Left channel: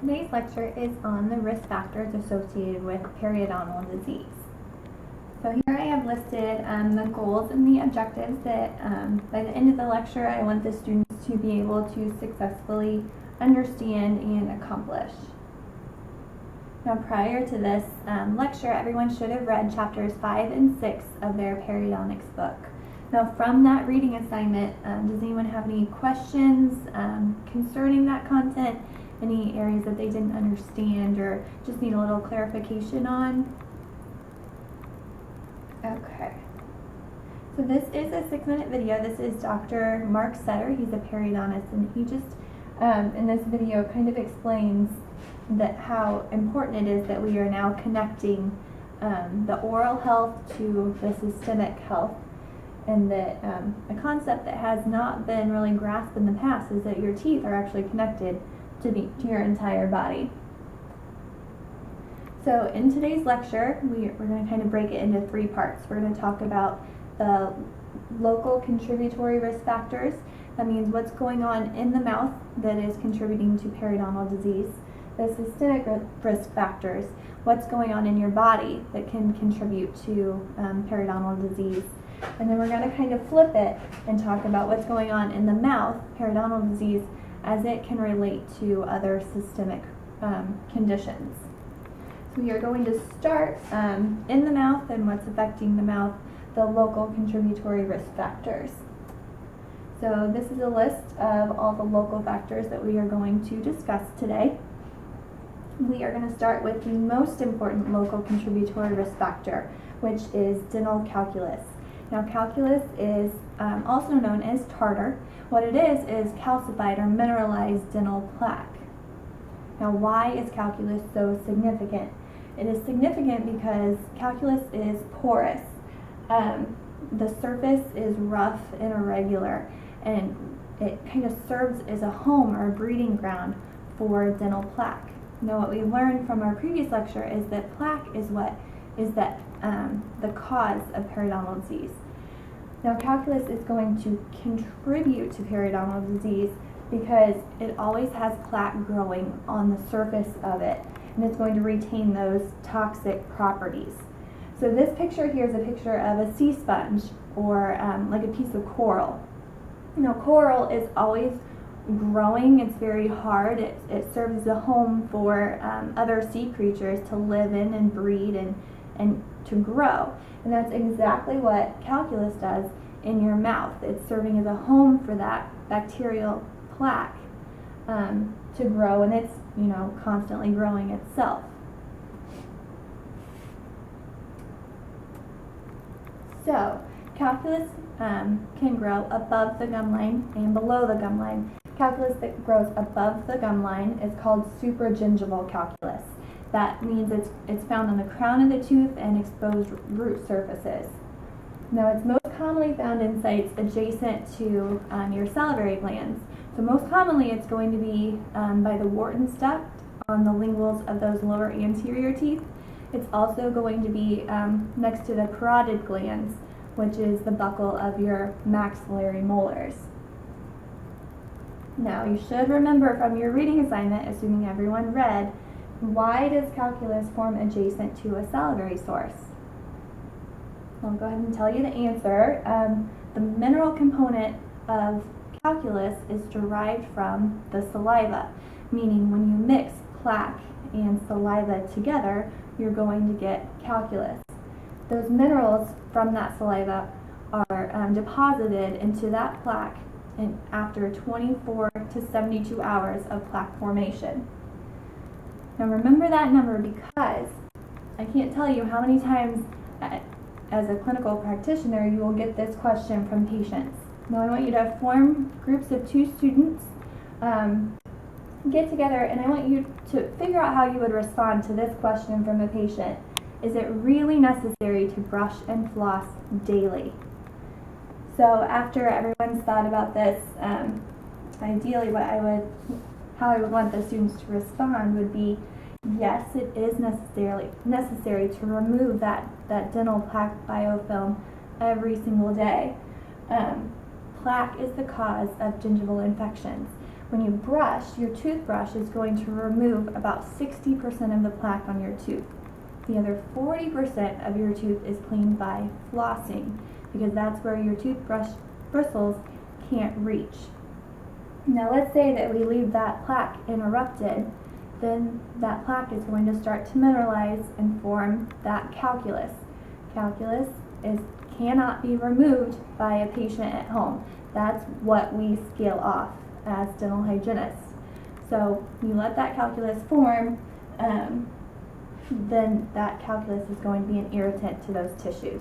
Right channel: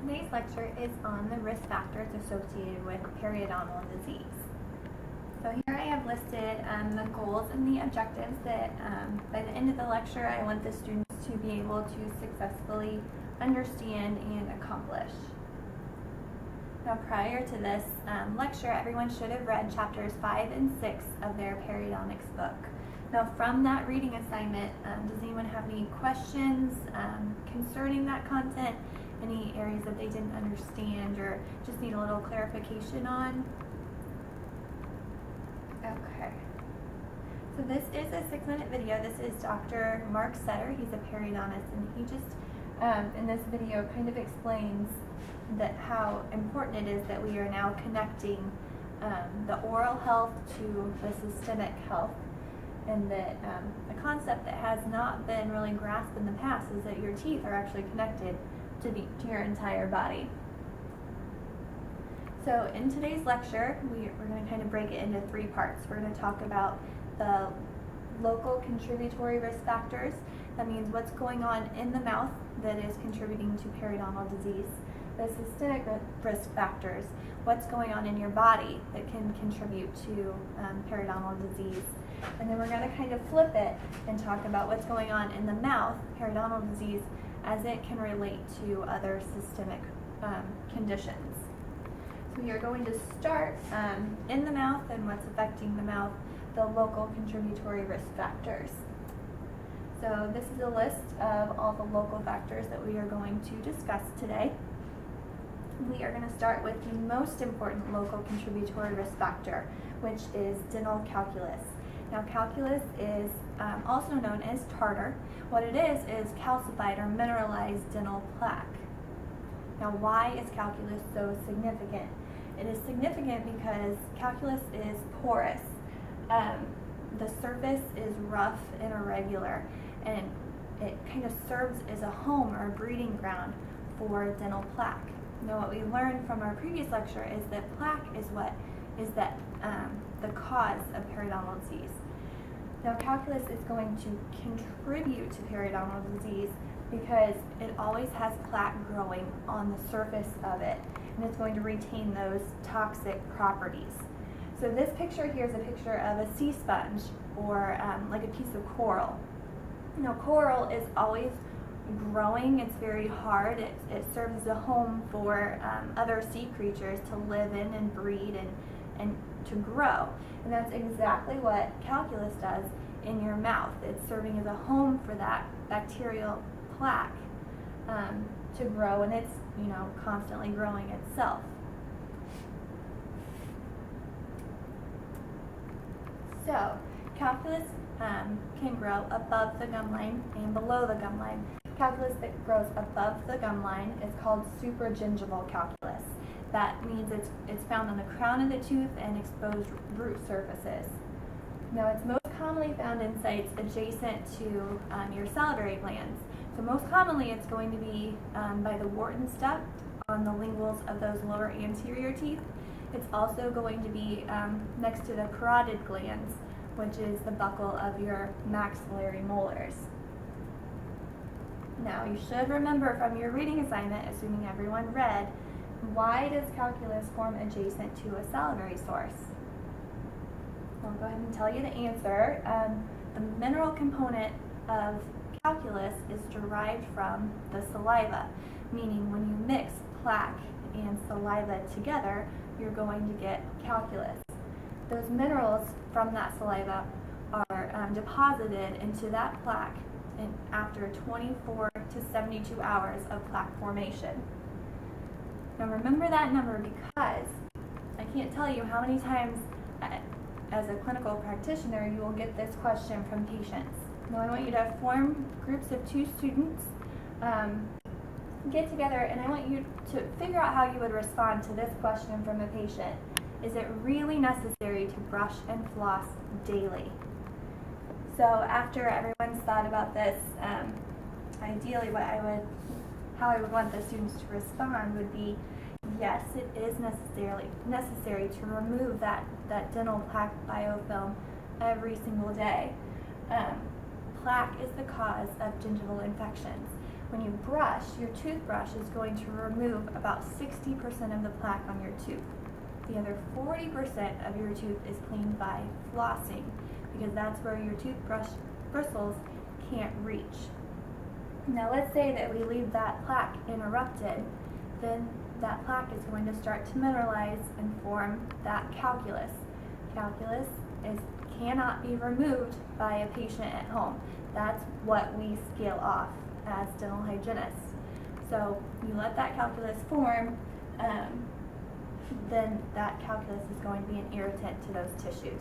Today's lecture is on the risk factors associated with periodontal disease. So here I have listed the goals and the objectives that by the end of the lecture I want the students to be able to successfully understand and accomplish. Now prior to this lecture, everyone should have read chapters 5 and 6 of their periodontics book. Now from that reading assignment, does anyone have any questions concerning that content? Any areas that they didn't understand or just need a little clarification on? Okay. So this is a 6-minute video. This is Dr. Mark Setter. He's a periodontist, and he just, in this video, kind of explains that how important it is that we are now connecting the oral health to the systemic health, and that a concept that has not been really grasped in the past is that your teeth are actually connected to your entire body. So in today's lecture, we're going to kind of break it into 3 parts. We're going to talk about the local contributory risk factors. That means what's going on in the mouth that is contributing to periodontal disease. The systemic risk factors, what's going on in your body that can contribute to periodontal disease. And then we're going to kind of flip it and talk about what's going on in the mouth, periodontal disease, as it can relate to other systemic conditions. So we are going to start in the mouth and what's affecting the mouth, the local contributory risk factors. So this is a list of all the local factors that we are going to discuss today. We are going to start with the most important local contributory risk factor, which is dental calculus. Now calculus is also known as tartar. What it is calcified or mineralized dental plaque. Now why is calculus so significant? It is significant because calculus is porous. The surface is rough and irregular, and it kind of serves as a home or a breeding ground for dental plaque. Now what we learned from our previous lecture is that plaque is the cause of periodontal disease. Now calculus is going to contribute to periodontal disease because it always has plaque growing on the surface of it, and it's going to retain those toxic properties. So this picture here is a picture of a sea sponge or like a piece of coral. Now coral is always growing, it's very hard, it serves as a home for other sea creatures to live in and breed and to grow. And that's exactly what calculus does in your mouth. It's serving as a home for that bacterial plaque to grow, and it's constantly growing itself. So calculus can grow above the gum line and below the gum line. Calculus that grows above the gum line is called supragingival calculus. That means it's found on the crown of the tooth and exposed root surfaces. Now it's most commonly found in sites adjacent to your salivary glands. So most commonly it's going to be by the Wharton's duct on the linguals of those lower anterior teeth. It's also going to be next to the parotid glands, which is the buccal of your maxillary molars. Now you should remember from your reading assignment, assuming everyone read, why does calculus form adjacent to a salivary source? I'll go ahead and tell you the answer. The mineral component of calculus is derived from the saliva, meaning when you mix plaque and saliva together, you're going to get calculus. Those minerals from that saliva are deposited into that plaque after 24 to 72 hours of plaque formation. Now remember that number because I can't tell you how many times as a clinical practitioner you will get this question from patients. Now I want you to form groups of 2 students, get together, and I want you to figure out how you would respond to this question from a patient. Is it really necessary to brush and floss daily? So after everyone's thought about this, ideally how I would want the students to respond would be, yes, it is necessary to remove that dental plaque biofilm every single day. Plaque is the cause of gingival infections. When you brush, your toothbrush is going to remove about 60% of the plaque on your tooth. The other 40% of your tooth is cleaned by flossing, because that's where your toothbrush bristles can't reach. Now let's say that we leave that plaque interrupted, then that plaque is going to start to mineralize and form that calculus. Calculus cannot be removed by a patient at home. That's what we scale off as dental hygienists. So you let that calculus form, then that calculus is going to be an irritant to those tissues.